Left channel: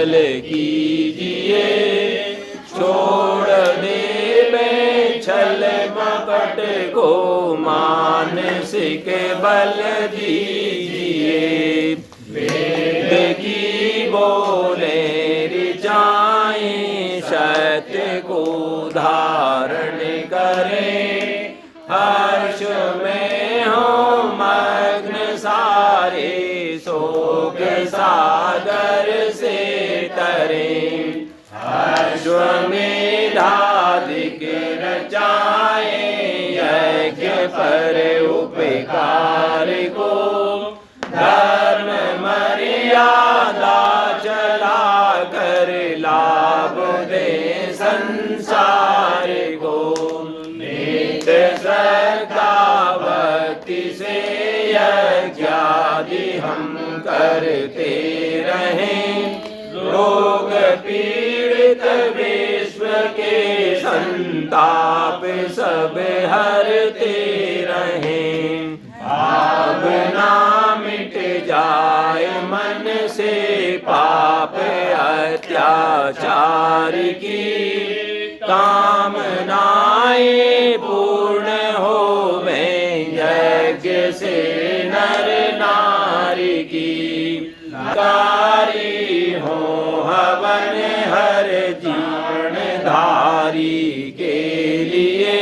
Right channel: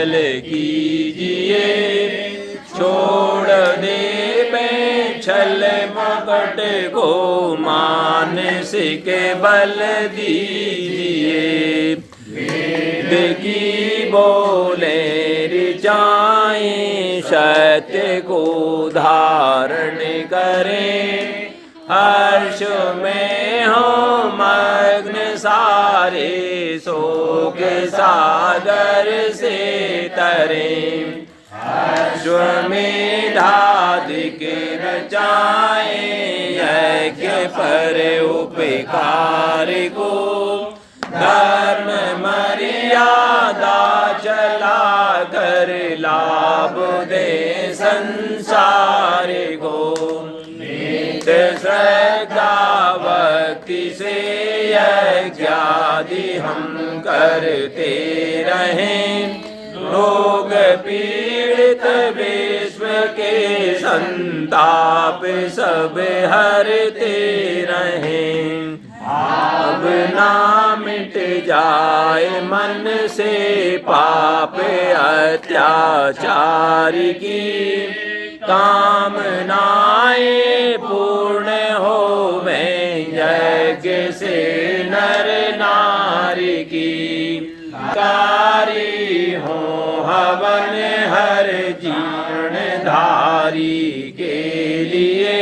चल कीजिए, छोड़ दे छल मकट को मानसिक बल दीजिए। वेद की बोले ऋचाएं सत्य को धारण करें, हर्ष में हो मग्न सारे शोक सागर से तरें। अश्वमेधादिक रचाए यज्ञ पर उपकार को, धर्म मर्यादा चला कर लाभ दे संसार को। नित्य श्रद्धा भक्ति से यज्ञादि हम करते रहें, रोग पीड़ित विश्व के संताप सब हरते रहें। अब ना मिट जाए मन से पाप अत्याचार की, कामनाएं पूर्ण होवें यज्ञ से नर नारी की। कारी हो हवन हर जीर्ण धारी के लिए,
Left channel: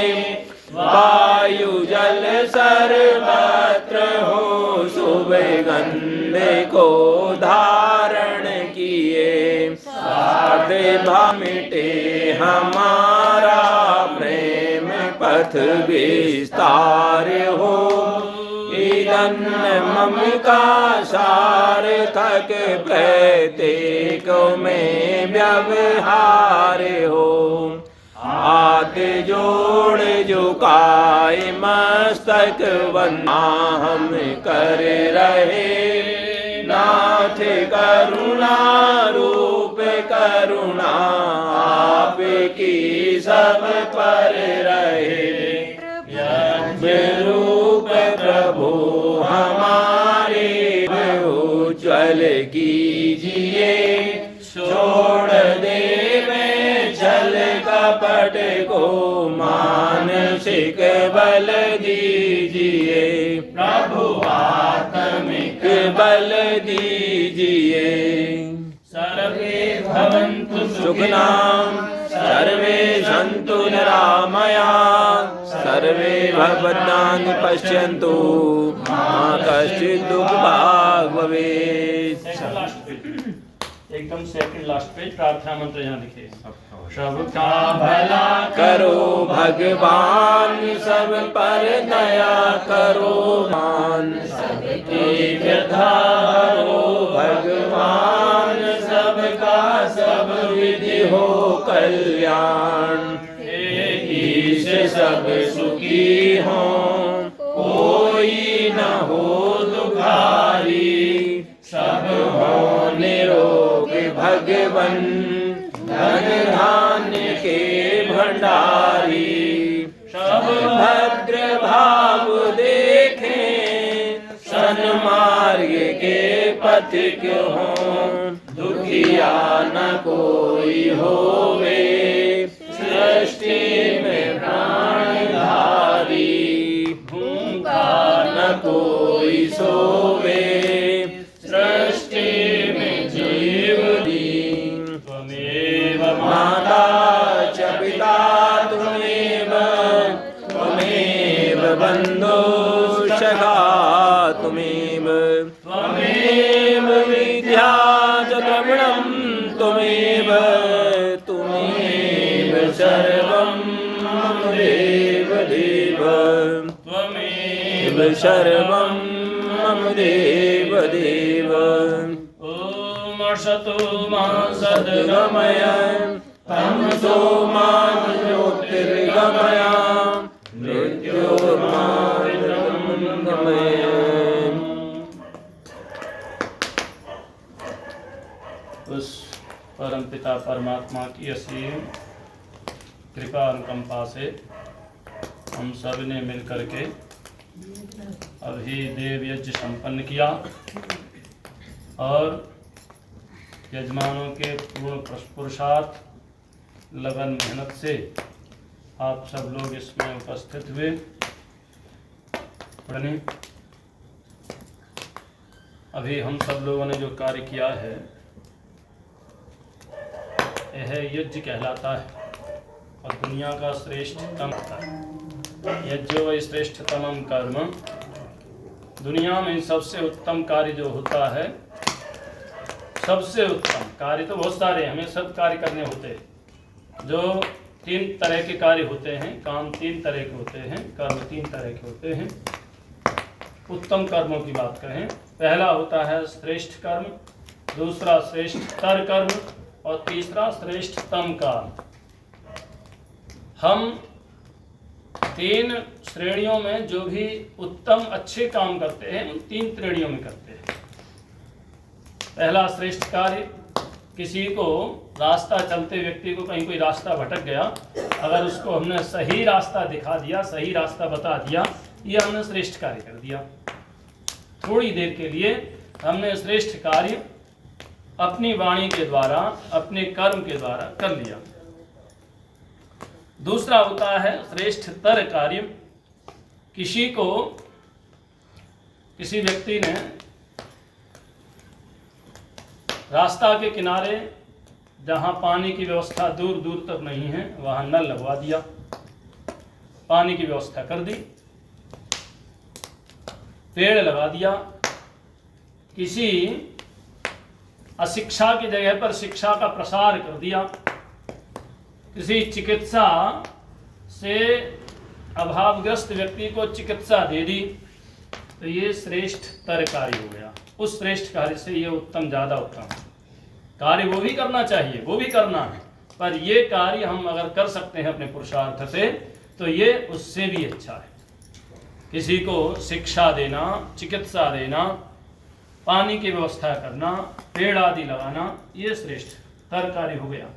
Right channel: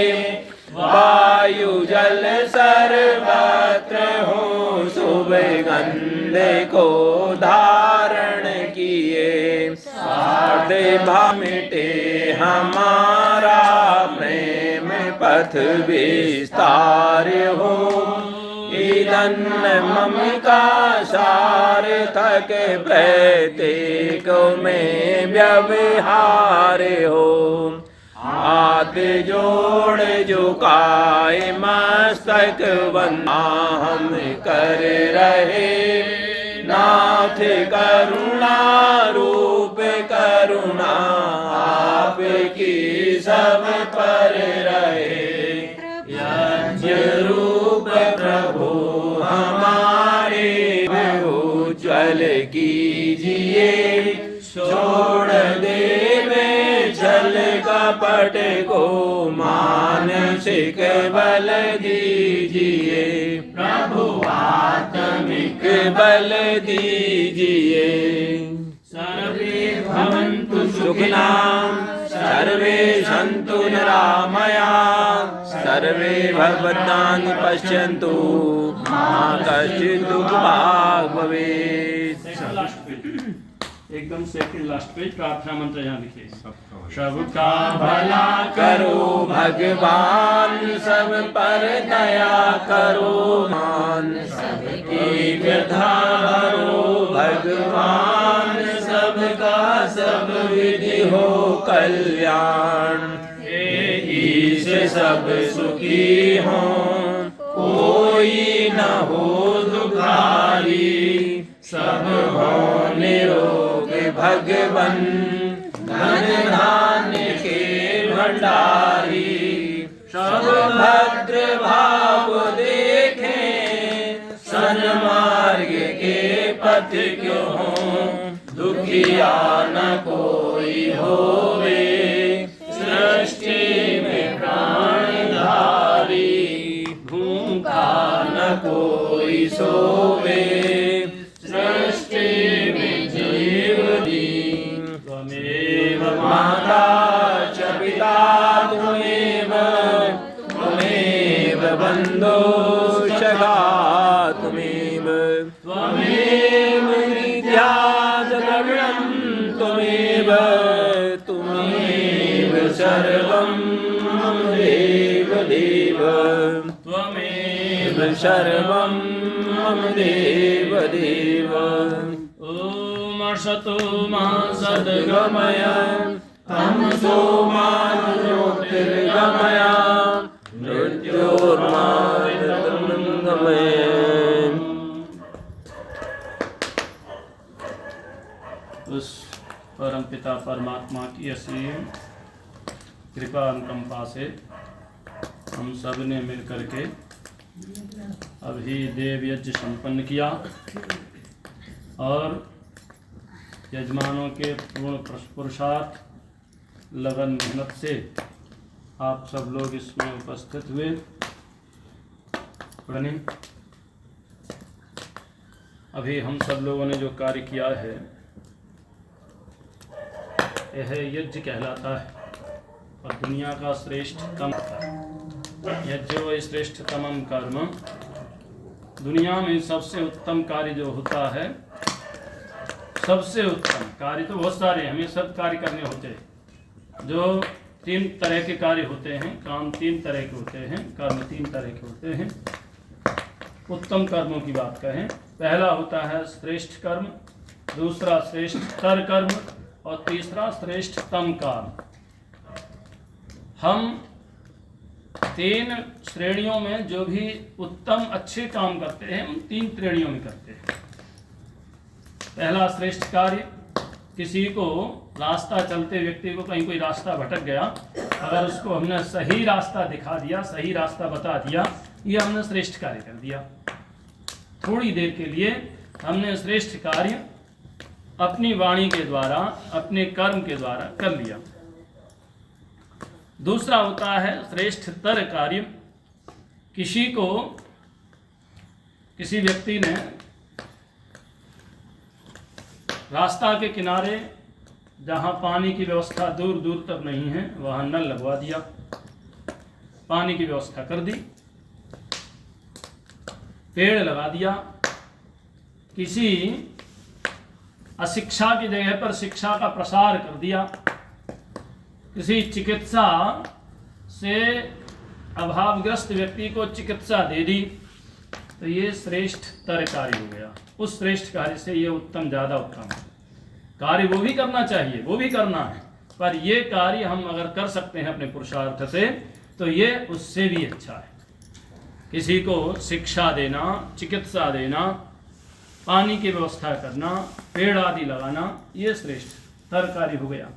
वायु जल सर्वत्र हो शुभ गंध को धारण किए। साधे मिटे हमारा प्रेम पथ विस्तार हो, ईदन मम का सार्थक प्रत्येक में व्यवहार हो। हाथ जोड़ झुकाए मस्तक वंदना हम कर रहे, नाथ करुणा रूप करुणा आपकी सब पर रहे। यज्ञ रूप प्रभु हमारे उज्ज्वल कीजिए, छोड़ दे छल कपट को मानसिक बल दीजिए। प्रभु आत्मिक बल दीजिए। सर्वे भवन्तु सुखिनः, सर्वे सन्तु निरामया, सर्वे भद्राणि पश्यन्तु, मा कश्चित् दुःखभाग् भवेत्। एकदम सेकंड लास्ट पेज प्रार्थना मंत्र यहाँ लिखे। सबका भला करो भगवान, सब पर दया करो मान, सबकी वृद्धा भरो भगवान, सबका सब विधि हो कल्याण। से सब सुखी हो, कोई न हो दुखारी, सब हो निरोग भगवन, धन धान्य के भंडारी। सब भद्र भाव देखें, सन्मार्ग के पथिक हो, दुखिया न कोई होवे, सृष्टि में प्राणधारी। भूखा न कोई सोवे, सृष्टि में जीव दी। त्वमेव माता च पिता त्वमेव, त्वमेव बन्धुश्च सखा त्वमेव, त्वमेव विद्या च द्रविणं त्वमेव, त्वमेव सर्वं मम देव देव, त्वमेव सर्वं मम देव देव। ओम असतो मा सद्गमय, तमसो मा ज्योतिर्गमय, मृत्योर्मामृतंगमय। उस परम पिता परमात्मा की असीम कृपा अनुकंपा से हम सब ने मिलकर के अभी देव यज्ञ संपन्न किया और यजमानों के पूर्ण पुरुषार्थ लगन मेहनत से आप सब लोग इसमें उपस्थित हुए। अभी हम सब लोगों ने जो कार्य किया है यह यज्ञ कहलाता है और दुनिया का श्रेष्ठतम यज्ञ व श्रेष्ठतम कर्म। दुनिया में सबसे उत्तम कार्य जो होता है, सबसे उत्तम कार्य तो बहुत सारे हमें सब कार्य करने होते हैं। जो 3 तरह के कार्य होते हैं, काम 3 तरह के होते हैं, कर्म 3 तरह के होते हैं। उत्तम कर्मों की बात कहें, पहला होता है श्रेष्ठ कर्म, दूसरा श्रेष्ठतर कर्म और तीसरा श्रेष्ठतम कर्म। हम 3 श्रेणियों में जो भी उत्तम अच्छे काम करते हैं उन 3 श्रेणियों में करते हैं। पहला श्रेष्ठ कार्य, किसी को रास्ता चलते व्यक्ति को कहीं कोई रास्ता भटक गया, अगर उसको हमने सही रास्ता दिखा दिया, सही रास्ता बता दिया, ये हमने श्रेष्ठ कार्य कर दिया। थोड़ी देर के लिए हमने श्रेष्ठ कार्य अपनी वाणी के द्वारा, अपने कर्म के द्वारा कर लिया। दूसरा होता है श्रेष्ठतर कार्य, किसी व्यक्ति ने रास्ता के किनारे जहाँ पानी की व्यवस्था दूर दूर तक नहीं है वहाँ नल लगवा दिया, पानी की व्यवस्था कर दी, पेड़ लगा दिया। किसी अशिक्षा की जगह पर शिक्षा का प्रसार कर दिया, किसी चिकित्सा से अभावग्रस्त व्यक्ति को चिकित्सा दे दी, तो ये श्रेष्ठतर कार्य हो गया। उस श्रेष्ठ कार्य से ये उत्तम, ज़्यादा उत्तम है। कार्य वो भी करना चाहिए, वो भी करना है, पर ये कार्य हम अगर कर सकते हैं अपने पुरुषार्थ से तो ये उससे भी अच्छा है। किसी को शिक्षा देना, चिकित्सा देना, पानी की व्यवस्था करना, पेड़ आदि लगाना, ये श्रेष्ठतर कार्य हो गया।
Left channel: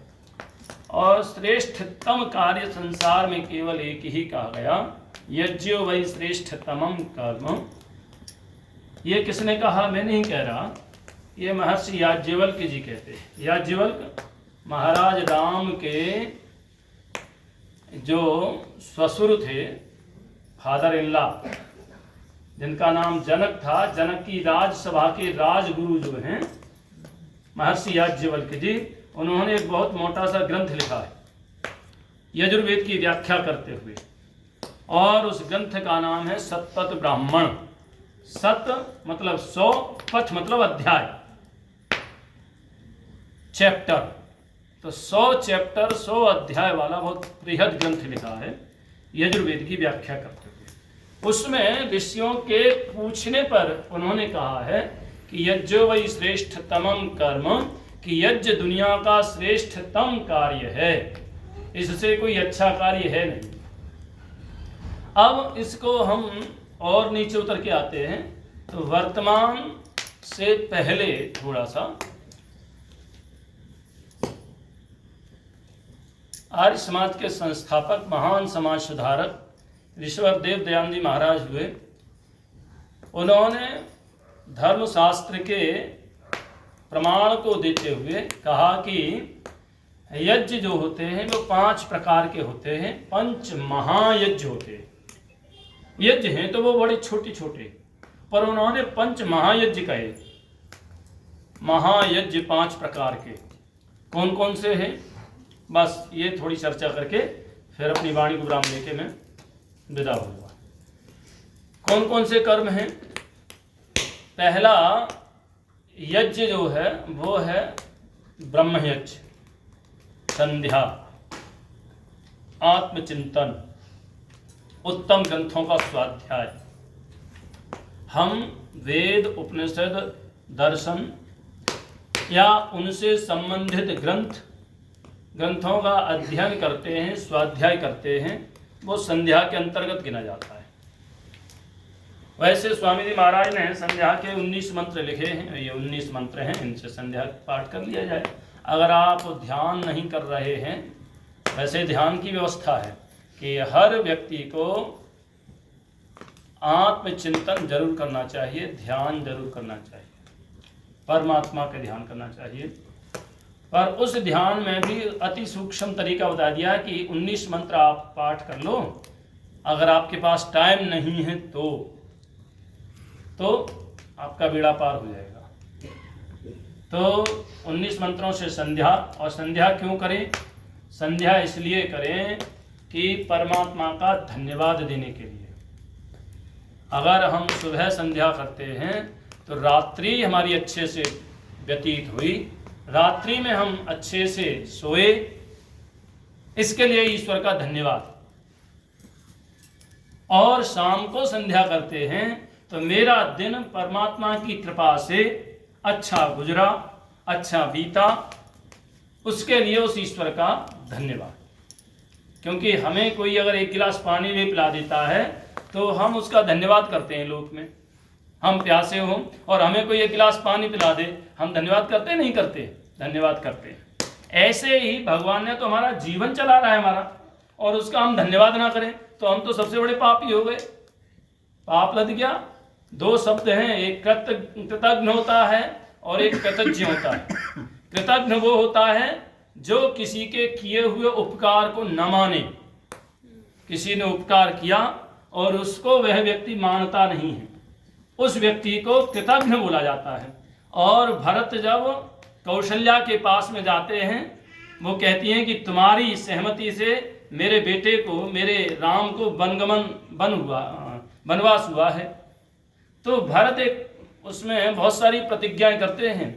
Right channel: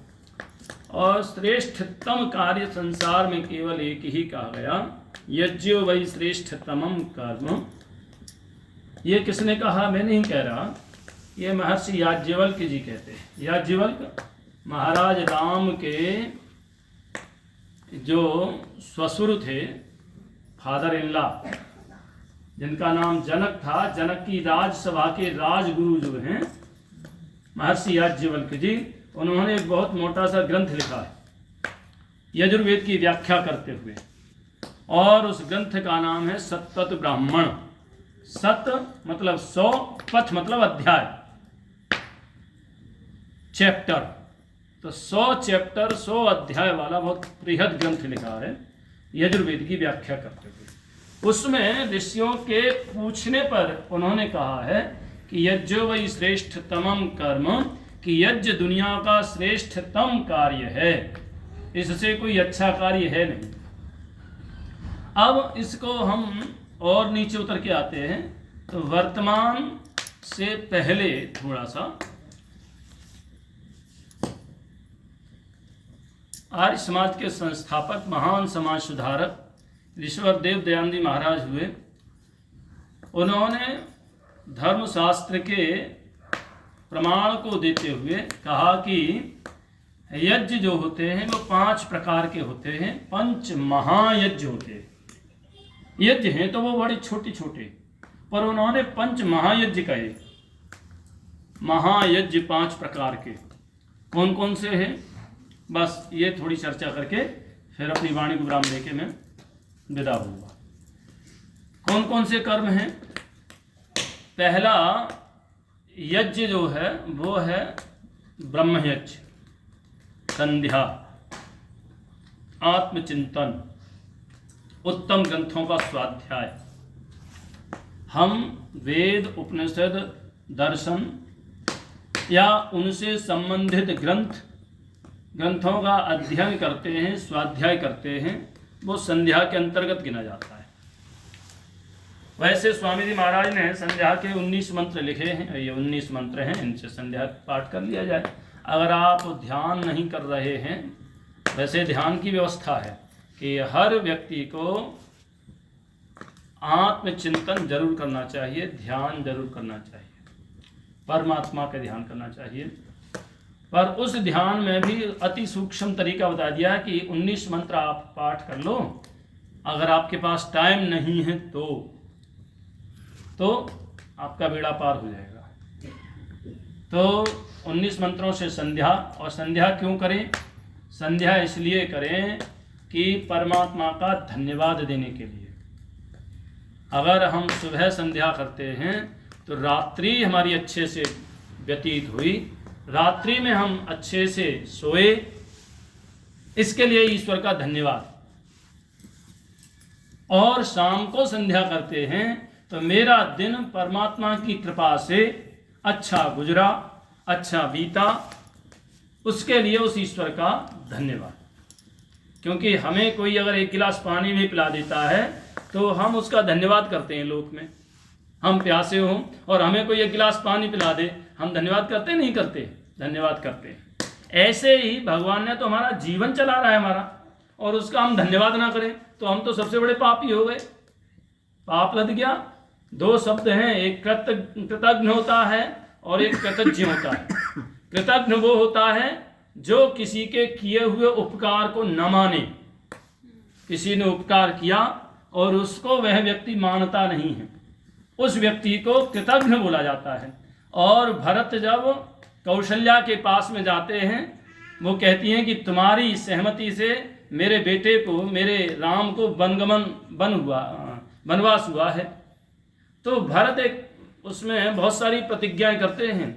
और श्रेष्ठतम कार्य संसार में केवल एक ही कहा गया, यज्ञो वै श्रेष्ठतमं कर्म। ये किसने कहा, मैं नहीं कह रहा, ये महर्षि याज्ञवल्क जी कहते हैं। याज्ञवल्क महाराज राम के जो ससुर थे, फादर इन लॉ, जिनका नाम जनक था, जनक की राजसभा के राजगुरु जो हैं महर्षि याज्ञवल्क जी, उन्होंने एक बहुत मोटा सा ग्रंथ लिखा है यजुर्वेद की व्याख्या करते हुए, और उस ग्रंथ का नाम है सतपथ ब्राह्मण। सत मतलब 100, पथ मतलब अध्याय, चैप्टर, तो 100 चैप्टर 100 अध्याय वाला बहुत बृहद ग्रंथ लिखा है यजुर्वेद की व्याख्या करते हुए। उसमें ऋषियों के पूछने पर उन्होंने कहा है कि यज्ञो वै श्रेष्ठतमं कर्म, कि यज्ञ दुनिया का श्रेष्ठतम कार्य है, इससे कोई अच्छा कार्य है नहीं। अब इसको हम और नीचे उतर के आते हैं, तो वर्तमान से पहले थोड़ा सा आर्य समाज के संस्थापक, महान समाज सुधारक ऋषिवर देव दयानंद जी महाराज हुए। उन्होंने धर्मशास्त्र के प्रमाण को देते हुए कहा कि यज्ञ जो होते हैं वो 5 प्रकार के होते हैं। 5 महायज्ञ होते हैं। यज्ञ हैं तो वो बड़े छोटे छोटे, पर उन्होंने 5 महायज्ञ कहे। महायज्ञ 5 प्रकार के कौन कौन से हैं, बस ये थोड़ी चर्चा करके फिर अपनी वाणी को विराम देके मैं विदा हुआ। कौन कौन से कर्म हैं? पहला यज्ञ जो है वो है ब्रह्मयज्ञ, संध्या, आत्मचिंतन, उत्तम ग्रंथों का स्वाध्याय। हम वेद, उपनिषद, दर्शन या उनसे संबंधित ग्रंथों का अध्ययन करते हैं, स्वाध्याय करते हैं, वो संध्या के अंतर्गत गिना जाता है। वैसे स्वामी जी महाराज ने संध्या के 19 मंत्र लिखे हैं, ये 19 मंत्र हैं, इनसे संध्या पाठ कर लिया जाए। अगर आप ध्यान नहीं कर रहे हैं, वैसे ध्यान की व्यवस्था है कि हर व्यक्ति को आत्मचिंतन जरूर करना चाहिए, ध्यान जरूर करना चाहिए, परमात्मा का ध्यान करना चाहिए। पर उस ध्यान में भी अति सूक्ष्म तरीका बता दिया कि 19 मंत्र आप पाठ कर लो, अगर आपके पास टाइम नहीं है तो आपका बेड़ा पार हो जाएगा। तो 19 मंत्रों से संध्या, और संध्या क्यों करें? संध्या इसलिए करें कि परमात्मा का धन्यवाद देने के लिए। अगर हम सुबह संध्या करते हैं तो रात्रि हमारी अच्छे से व्यतीत हुई, रात्रि में हम अच्छे से सोए, इसके लिए ईश्वर का धन्यवाद। और शाम को संध्या करते हैं तो मेरा दिन परमात्मा की कृपा से अच्छा गुजरा, अच्छा बीता, उसके लिए उस ईश्वर का धन्यवाद। क्योंकि हमें कोई अगर एक गिलास पानी भी पिला देता है तो हम उसका धन्यवाद करते हैं। लोक में हम प्यासे हों और हमें कोई एक गिलास पानी पिला दे, हम धन्यवाद करते नहीं करते? धन्यवाद करते हैं। ऐसे ही भगवान ने तो हमारा जीवन चला रहा है हमारा, और उसका हम धन्यवाद ना करें तो हम तो सबसे बड़े पापी हो गए। पाप लद गया। दो शब्द हैं, एक कृतज्ञ होता है और एक कृतज्ञ होता है। कृतज्ञ वो होता है जो किसी के किए हुए उपकार को न माने। किसी ने उपकार किया और उसको वह व्यक्ति मानता नहीं है, उस व्यक्ति को कृतज्ञ बोला जाता है। और भरत जब कौशल्या के पास में जाते हैं, वो कहती हैं कि तुम्हारी सहमति से मेरे बेटे को, मेरे राम को वनवास हुआ है। तो भरत एक उसमें बहुत सारी प्रतिज्ञाएं करते हैं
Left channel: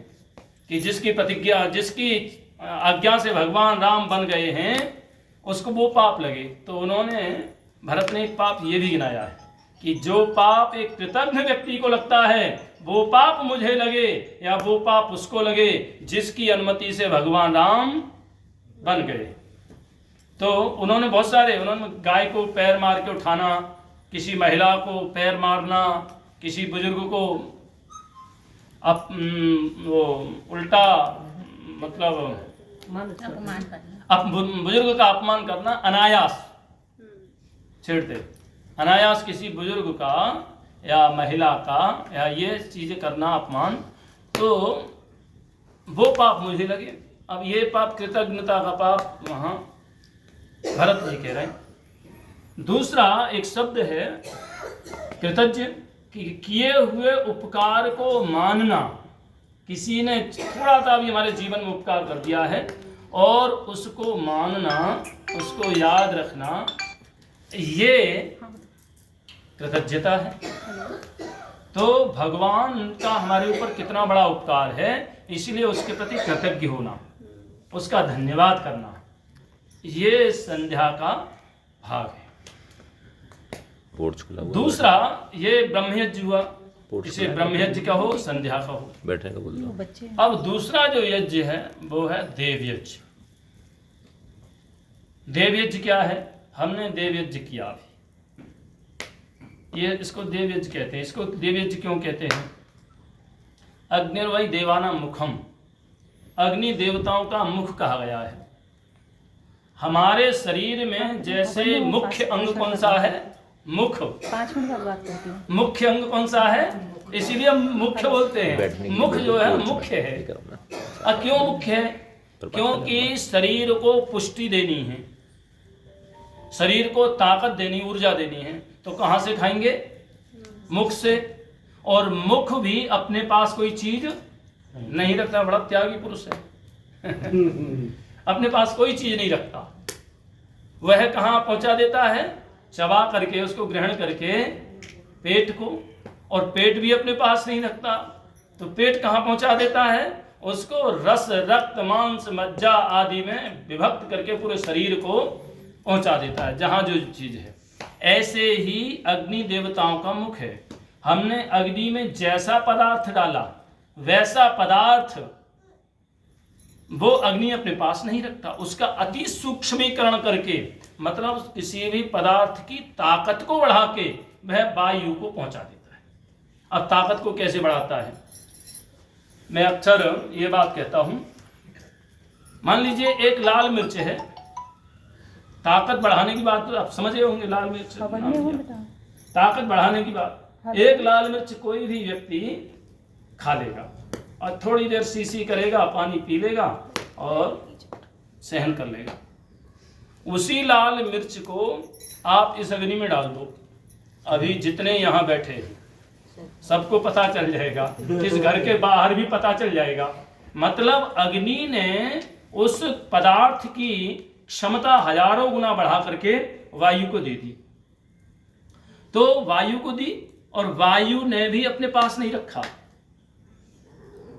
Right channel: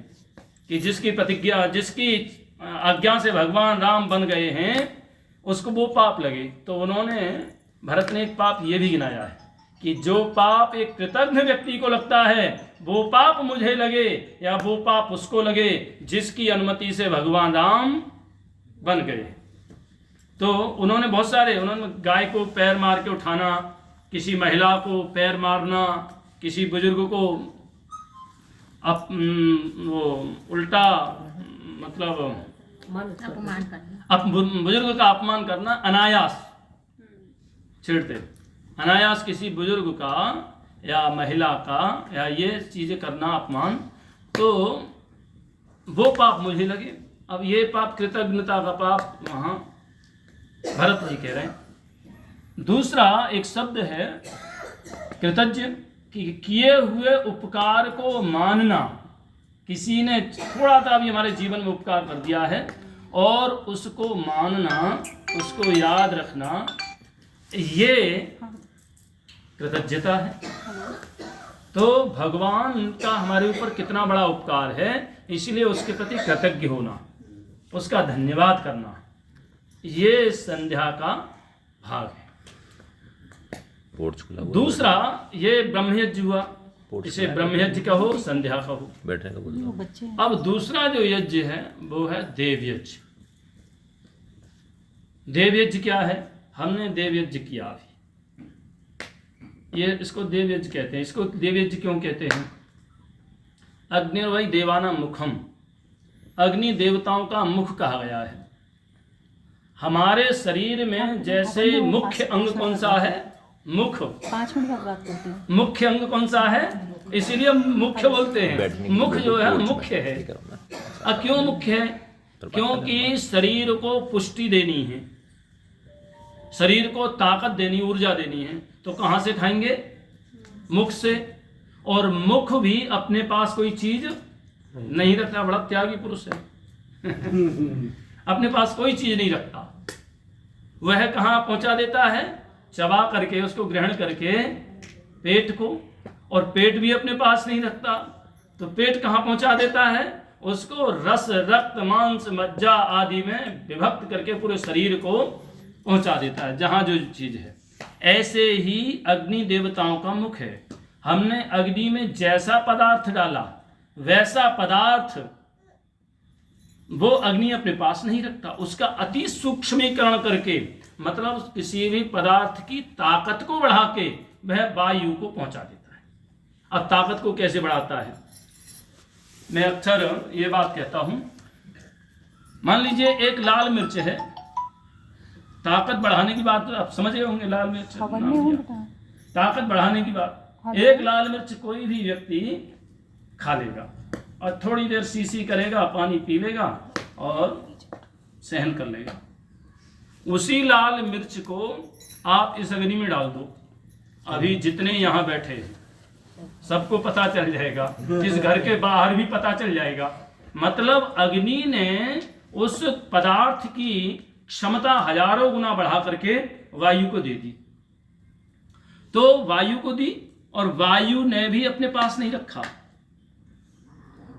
कि जिसकी प्रतिज्ञा, जिसकी आज्ञा से भगवान राम बन गए हैं उसको वो पाप लगे। तो उन्होंने, भरत ने एक पाप ये भी गिनाया है कि जो पाप एक कृतज्ञ व्यक्ति को लगता है वो पाप मुझे लगे, या वो पाप उसको लगे जिसकी अनुमति से भगवान राम बन गए। तो उन्होंने बहुत सारे, उन्होंने गाय को पैर मार के उठाना, किसी महिला को पैर मारना, किसी बुजुर्ग को वो उल्टा मतलब बुजुर्ग का अपमान करना, अनायास छेड़ते, अनायास किसी बुजुर्ग का या महिला का या ये चीजें करना, अपमान, तो वो पाप मुझे लगे। अब ये पाप, कृतज्ञता का पाप, वहाँ भरत जी कह रहे हैं। दूसरा एक शब्द है कृतज्ञ, कि किए हुए उपकार को मानना। किसी ने थोड़ा सा भी हमारे जीवन में उपकार कर दिया है और उसको मानना, उसको याद रखना, ये कृतज्ञता है। तो भगवान का हमारे ऊपर कितना बड़ा उपकार है, इसलिए उसके प्रति कृतज्ञ होना, उसका धन्यवाद करना, ये संध्या का भाग है। दूसरा ये ब्रह्मयज्ञ हुआ, इसे ब्रह्मयज्ञ कहो, संध्या कहो, बैठने का बोलता। अब दूसरा जो यज्ञ है वो है देवयज्ञ। देवयज्ञ क्या है? हमने देवयज्ञ किया अभी, ये इसको देवयज्ञ कहते हैं। इसको देवयज्ञ क्यों कहते हैं? अग्निर्वै देवानां मुखम, अग्नि देवताओं का मुख कहा गया है। हमारे शरीर में जैसे मुख्य अंग कौन सा है? मुख। 5 मिनट बाद बात करती हूँ। मुख्य अंग कौन सा है? इसीलिए मुख्य बोलते हैं। मुख जो है मुख्य है। अब क्यों मुख्य है? क्योंकि शरीर को पुष्टि देनी है, शरीर को ताकत देनी, ऊर्जा देनी है, तो कहाँ से खाएंगे? मुख से। और मुख भी अपने पास कोई चीज नहीं रखता, बड़ा त्यागी पुरुष है। अपने पास कोई चीज नहीं रखता, वह कहाँ पहुंचा देता है? चबा करके, उसको ग्रहण करके पेट को, और पेट भी अपने पास नहीं रखता, तो पेट कहाँ पहुंचा देता है? उसको रस, रक्त, मांस, मज्जा आदि में विभक्त करके पूरे शरीर को पहुंचा देता है, जहाँ जो चीज है। ऐसे ही अग्नि देवताओं का मुख है। हमने अग्नि में जैसा पदार्थ डाला वैसा पदार्थ वो अग्नि अपने पास नहीं रखता, उसका अति सूक्ष्मीकरण करके, मतलब किसी भी पदार्थ की ताकत को बढ़ा के वह वायु को पहुंचा देता है। अब ताकत को कैसे बढ़ाता है? मैं अक्सर ये बात कहता हूं, मान लीजिए एक लाल मिर्च है, ताकत बढ़ाने की बात तो आप समझ रहे होंगे। लाल मिर्च ताकत बढ़ाने की बात, एक लाल मिर्च कोई भी व्यक्ति खा लेगा और थोड़ी देर सीसी करेगा, पानी पी लेगा, और सहन कर लेगा। उसी लाल मिर्च को आप इस अग्नि में डाल दो, अभी जितने यहाँ बैठे हैं सबको पता चल जाएगा, इस घर के बाहर भी पता चल जाएगा। मतलब अग्नि ने उस पदार्थ की क्षमता हजारों गुना बढ़ा करके वायु को दे दी। तो वायु को दी और वायु ने भी अपने पास नहीं रखा,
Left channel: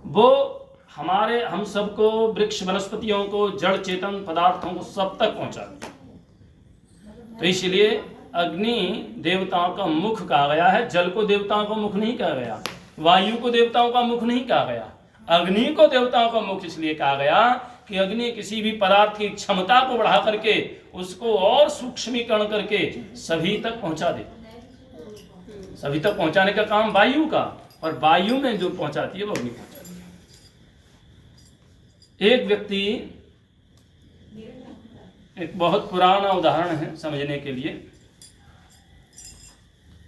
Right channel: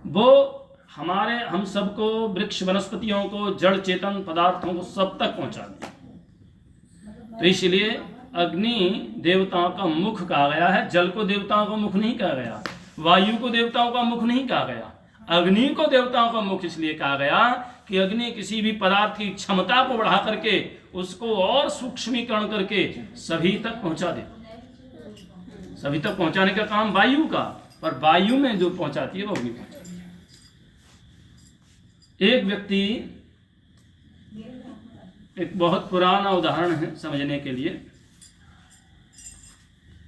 वो हम सबको, वृक्ष वनस्पतियों को, जड़ चेतन पदार्थों को सब तक पहुंचा दिया। तो इसलिए अग्नि देवताओं का मुख कहा गया है, जल को देवताओं का मुख नहीं कहा गया, वायु को देवताओं का मुख नहीं कहा गया, अग्नि को देवताओं का मुख इसलिए कहा गया कि अग्नि किसी भी पदार्थ की क्षमता को बढ़ा करके उसको और सूक्ष्मीकरण करके सभी तक पहुंचा दे। सभी तक पहुंचाने का काम वायु का, और वायु में जो पहुंचाती है वो अग्नि पहुंचाती है। एक व्यक्ति, एक बहुत पुराना उदाहरण है समझने के लिए।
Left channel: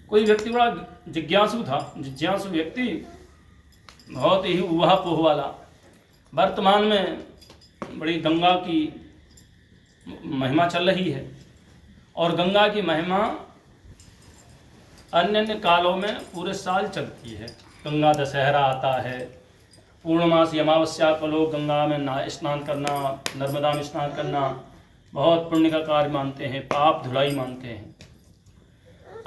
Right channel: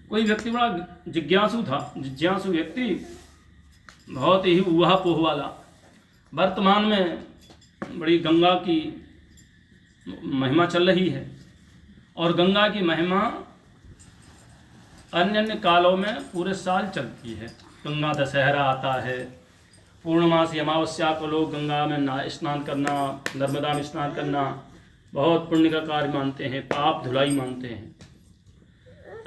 कोई व्यक्ति बड़ा जिज्ञासु था, जिज्ञासु व्यक्ति, बहुत ही ऊहा-पोह वाला। वर्तमान में बड़ी गंगा की महिमा चल रही है, और गंगा की महिमा अन्य अन्य कालों में पूरे साल चलती है। गंगा दशहरा आता है, पूर्णमासी अमावस्या को लोग गंगा में स्नान करना, नर्मदा में स्नान करना बहुत पुण्य का कार्य मानते हैं, पाप धुलाई मानते हैं।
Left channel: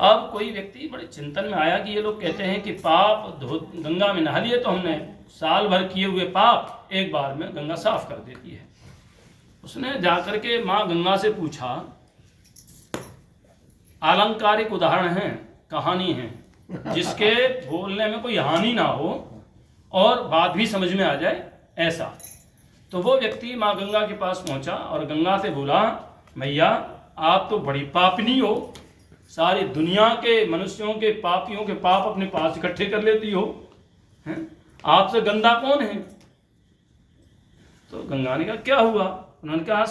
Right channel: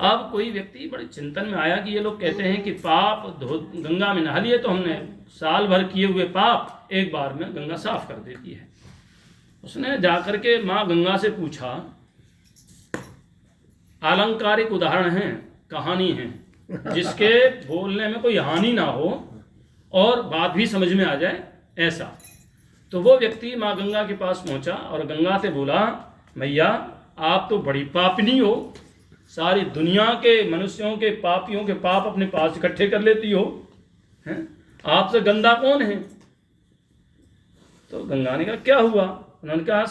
अब कोई व्यक्ति बड़े चिंतन में आया कि ये लोग कहते हैं कि पाप गंगा में नहा लिए तो हमने साल भर किए हुए पाप एक बार में गंगा साफ कर देती है। उसने जाकर के माँ गंगा से पूछा, आलंकारिक उदाहरण है, कहानी है, जिसके बोलने में कोई हानि ना हो और बात भी समझ में आ जाए ऐसा। तो वो व्यक्ति माँ गंगा के पास पहुंचा और गंगा से बोला, मैया आप तो बड़ी पापिनी हो, सारी दुनिया के मनुष्यों के पापियों के पाप अपने पास इकट्ठे कर लेती हो, हैं? आपसे गंदा कौन है? तो गंगा ने कहा क्या हुआ? उन्होंने कहा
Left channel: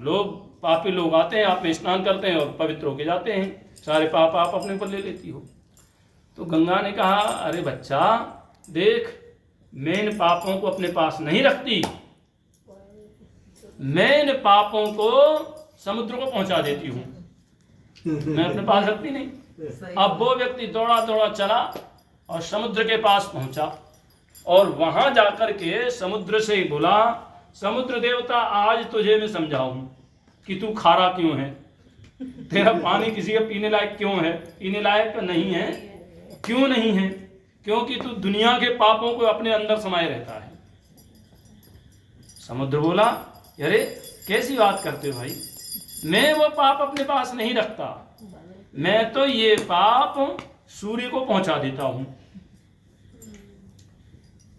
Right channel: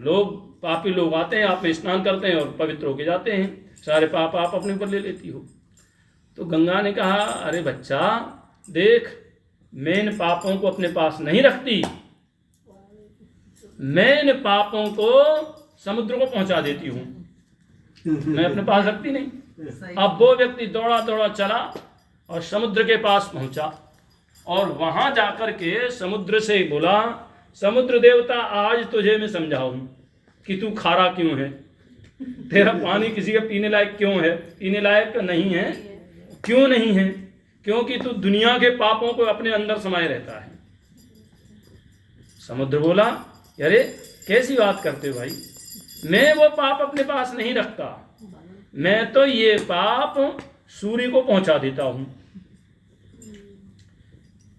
लोग, पापी लोग आते हैं, आप में स्नान करते हैं और पवित्र होके जाते हैं, सारे पाप आप अपने ऊपर ले लेती हो। तो गंगा ने कहा, अरे बच्चा देख, मैं इन पापों को अपने पास नहीं रखती, मैं इन पापों को समुद्र को पहुंचा देती हूँ, मैं अपने पास रखती नहीं। अब वो व्यक्ति दौड़ा दौड़ा चला और समुद्र के पास पहुंचा, और वहां जाकर के समुद्र से बोला, समुद्र देवता आज तुझे मैं समझाऊं कि तू खारा क्यों है, तेरा पानी किसी का पीने लायक क्यों है, पीने लायक नहीं है। क्यों नहीं है? क्योंकि तू दुनिया के पापों को अपने अंदर समाये रहता है। समुद्र बोला, अरे कैसी बात करते हो भाई, मैं वो पाप अपने पास नहीं रखता, मैं तो ये पाप सूर्य को पहुंचा देता हूं,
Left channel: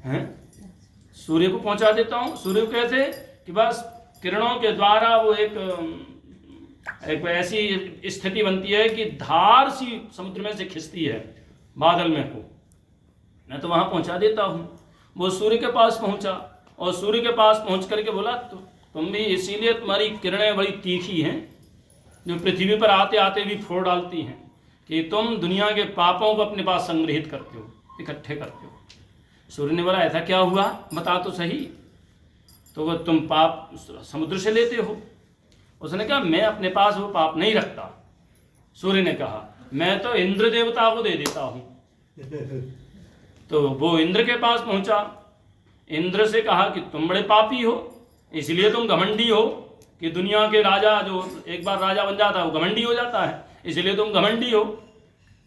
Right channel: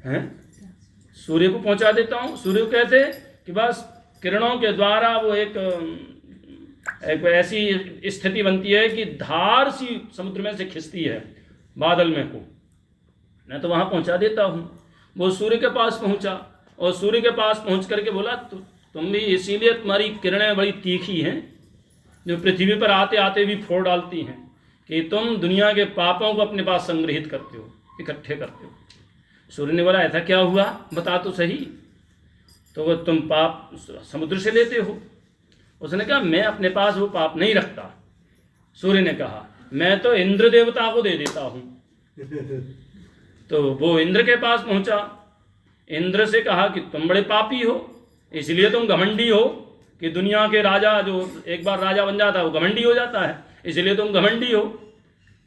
हैं? सूर्य को पहुंचा देता हूं। सूर्य को कैसे? कि बस किरणों के द्वारा वो एक ऐसी स्थिति बनती है कि धार सी समुद्र में से खिंचती है बादल में को, मैं तो वहां पहुंचा देता हूं। वो सूर्य के पास पहुंचा और सूर्य के पास पहुंच करके बोला, तुम भी इसीलिए तुम्हारी किरणें बड़ी तीखी हैं, जो पृथ्वी पर आते आते भी फोड़ डालती हैं, कि तुम दुनिया के पापों को अपने पास संग्रहित करते हो, इकट्ठे करते हो। सूर्य ने बोला, ऐसा क्या हुआ, बता तो सही। तो वो तुम पाप समुद्र से लेते हो। उसने कहा, मैं अपने पास वो पाप नहीं रखता। सूर्य ने कहा, मैं तो इंद्र देवता को दे देता हूँ। तो वो इंद्र के पास पहुंचा, इंद्र से कहा कि तुम बड़े पापी हो, इसलिए तुम घमंडी हो, कि दुनिया के राजा जो एक बार राजा बन जाता है वो घमंडी हो जाता है, इसलिए तुम घमंडी हो।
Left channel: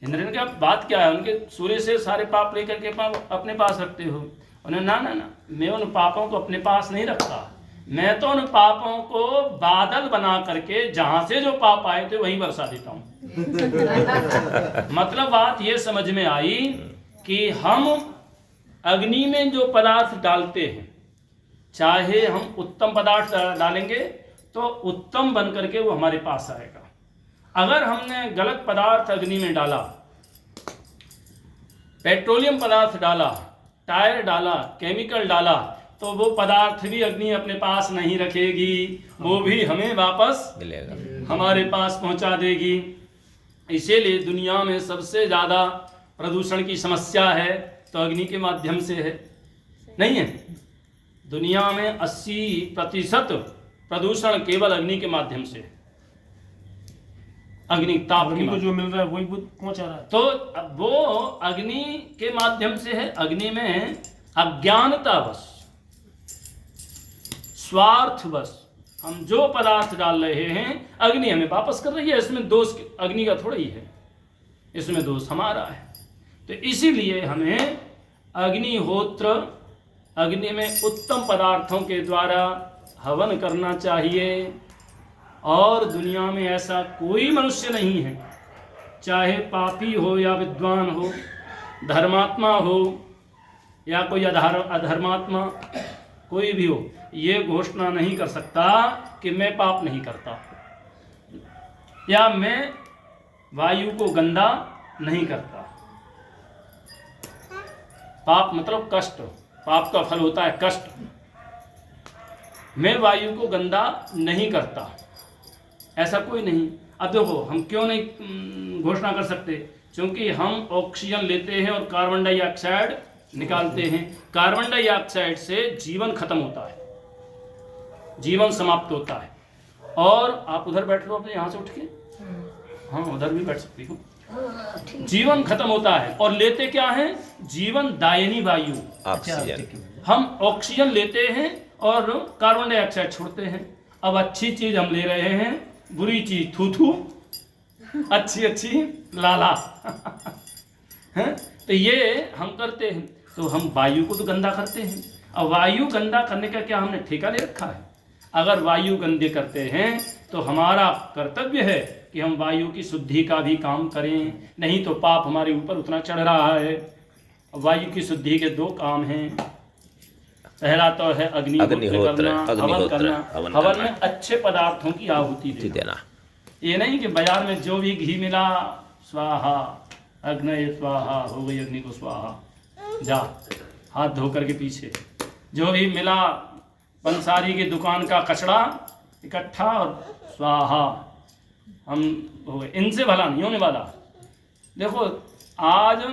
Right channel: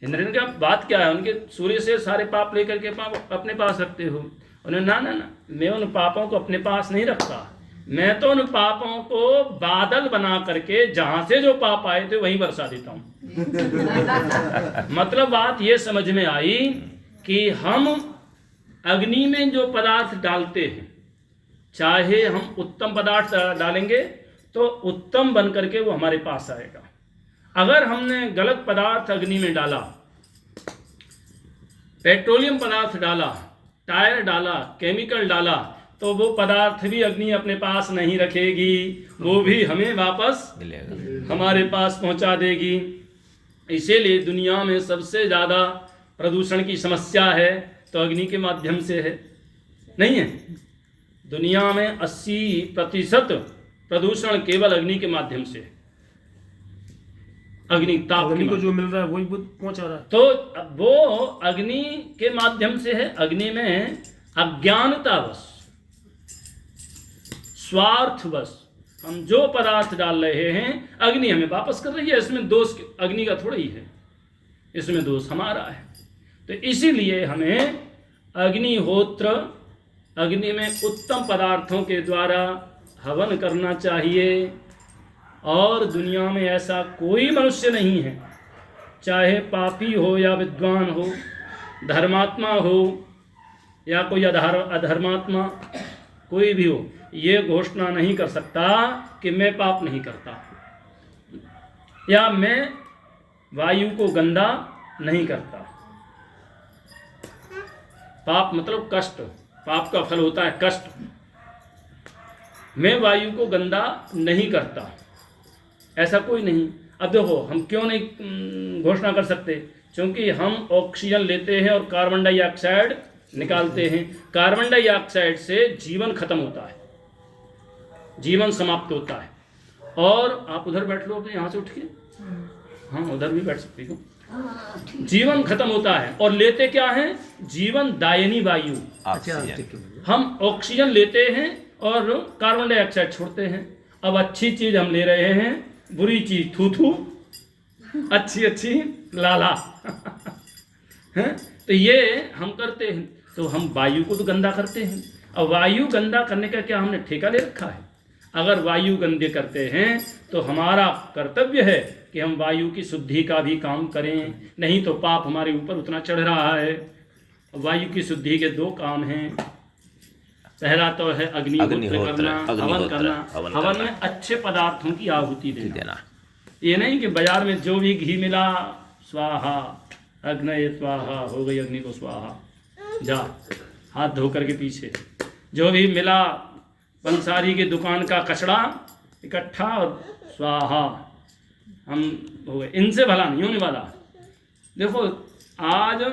इंद्र ने कहा, बात क्या है? उनके सूर्य से सारे पाप लेकर के पाप अपने पास रखते हो। उन्होंने ना ना ना, मैं उन पापों को अपने पास नहीं रखता, मैं तो उन पापों को बादल बना करके जहां से जो पाप आए थे वहीं बरसा देता हूं। मतलब बात ये समझ में आई कि हम अग्नि में जो पदार्थ डालते हैं, चाहे हम उत्तम पदार्थ डालेंगे तो उत्तम बन करके वो हमारे पास आएगा। अगर हमने गलत पदार्थ अग्नि में डाला, पेट्रोलियम पदार्थ डाला, टायर डाला, केमिकल डाला, तो वो पदार्थ भी अग्नि अपने पास नहीं रखेगी, वो भी हमें वापस हमारे पास पहुंचा देगी। इसीलिए दुनिया में सबसे ज़्यादा प्रदूषण की समस्या है तो अग्नि के माध्यम से है, नहीं है? दुनिया में 80% प्रदूषण केवल अग्नि के माध्यम से, अग्नि ताप अग्नि को के जो मिल रहा है वही पहुंचा रहा है। तो वो अग्नि के माध्यम से है। अग्नि में अज्ञानतावश, स्वार्थवश हम जो पदार्थ डाल रहे हैं अग्नि हमें वापस कर रही है। इसमें दोष अग्नि का थोड़ा ही है, इसमें दोष हमारा है। तो इसीलिए हमें अग्निहोत्र, अग्नि में उत्तम पदार्थों के द्वारा हवन करना चाहिए। और दुनिया में ऐसा कोई मनुष्य नहीं है, चाहे पापी हो या विद्वान हो, धर्मात्मा हो या कोई अधर्मात्मा, कोई भी हो, ये घोषणा नहीं कर सकता कि मैं पाप नहीं करता या मैं वायु को गंदा नहीं करता। पाप मतलब कष्ट, पाप का फल होता है कष्ट। मैं वायु को गंदा नहीं करता, ऐसा कोई नहीं। अब देखो हम क्यों नहीं घोषणा कर सकते, क्योंकि हम ऑक्सीजन लेते हैं और कार्बन डाइऑक्साइड निकालते हैं। कार्बन डाइऑक्साइड से जीवन खत्म होता है, जीवन समाप्त होता है। और आप उधर बैठ लो अपने यहाँ से उठ के, हाँ उधर भी बैठ सकती हो। जीवन खत्म होता है और लेते क्या है, जीवन दायिनी वायु। हम ऑक्सीजन लेते हैं और कार्बन डाइऑक्साइड छोड़ते हैं। अब अच्छी चीज हम ले रहे हैं, बुरी चीज थू थू, अच्छी लाला हैं? तो ये हम करते हैं, तो हम वायु को तो गंदा करते हैं। अब वायु गंदा करने का क्या हमने ठेका ले रखा है? अगर वायु गंदे करते हैं तो हमारा कर्तव्य है कि हम वायु की शुद्धि का भी काम करें, नहीं तो पाप हमारे ऊपर उतना चढ़ रहा है। वायु की शुद्धि के 2 काम हैं। पहला तो है अग्निहोत्र करना, हवन करना। हवन में अच्छे पदार्थों की आहुति देना। ये नहीं कि बाजार में जो भी घी मिला स्वाहा, अग्नये स्वाहा, हो गई अग्नि को स्वाहा, जा हाथ धो करके पीछे। जो भी मिला पंसारी की दुकान का कचड़ा इकट्ठा और स्वाहा, हम हो गए। इनसे भला नहीं होने वाला। देखो आज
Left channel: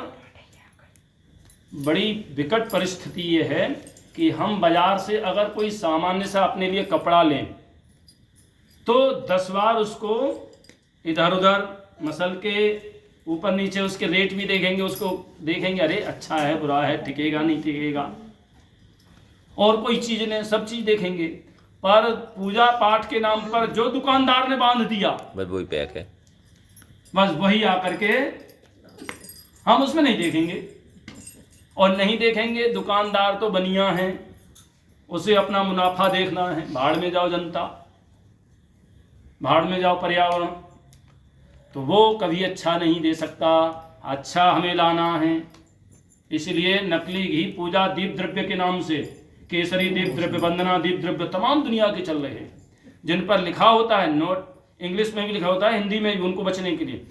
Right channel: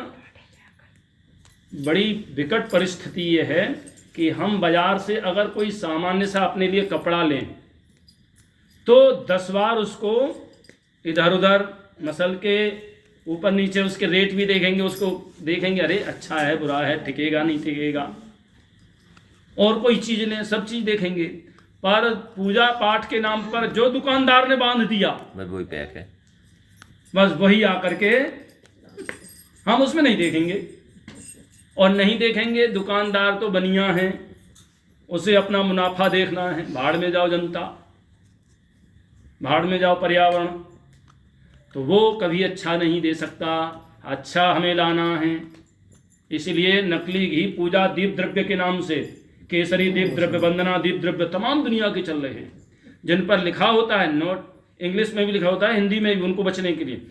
बड़ी विकट परिस्थिति ये है कि हम बाजार से अगर कोई सामान्य सा अपने लिए कपड़ा लें तो 10 बार उसको इधर उधर मसल के ऊपर नीचे उसके रेट भी देखेंगे, उसको देखेंगे अरे अच्छा है बुरा है, टिकेगा नहीं टिकेगा। और कोई चीज़ ने सब चीज़ देखेंगे, पर पूजा पाठ के नाम पर जो दुकानदार ने बांध दिया बस वही पैक है, बस वही आकर के हम उसमें नहीं देखेंगे। और नहीं देखेंगे, दुकानदार तो बनिया है, उसे अपना मुनाफा देखना है। भाड़ में जाओ जनता, भाड़ में जाओ पर्यावरण, तो वो कभी अच्छा नहीं दे सकता। अच्छा हमें लाना है। इसलिए नकली घी पूजा दीप द्रव्य के नाम से, केसरी दीप द्रव्य, वंदना दीप द्रव्य तमाम दुनिया के चल रहे हैं, जिन पर लिखा होता है नोट, इंग्लिश में भी लिखा होता है, हिंदी में भी, उनको बचने के लिए।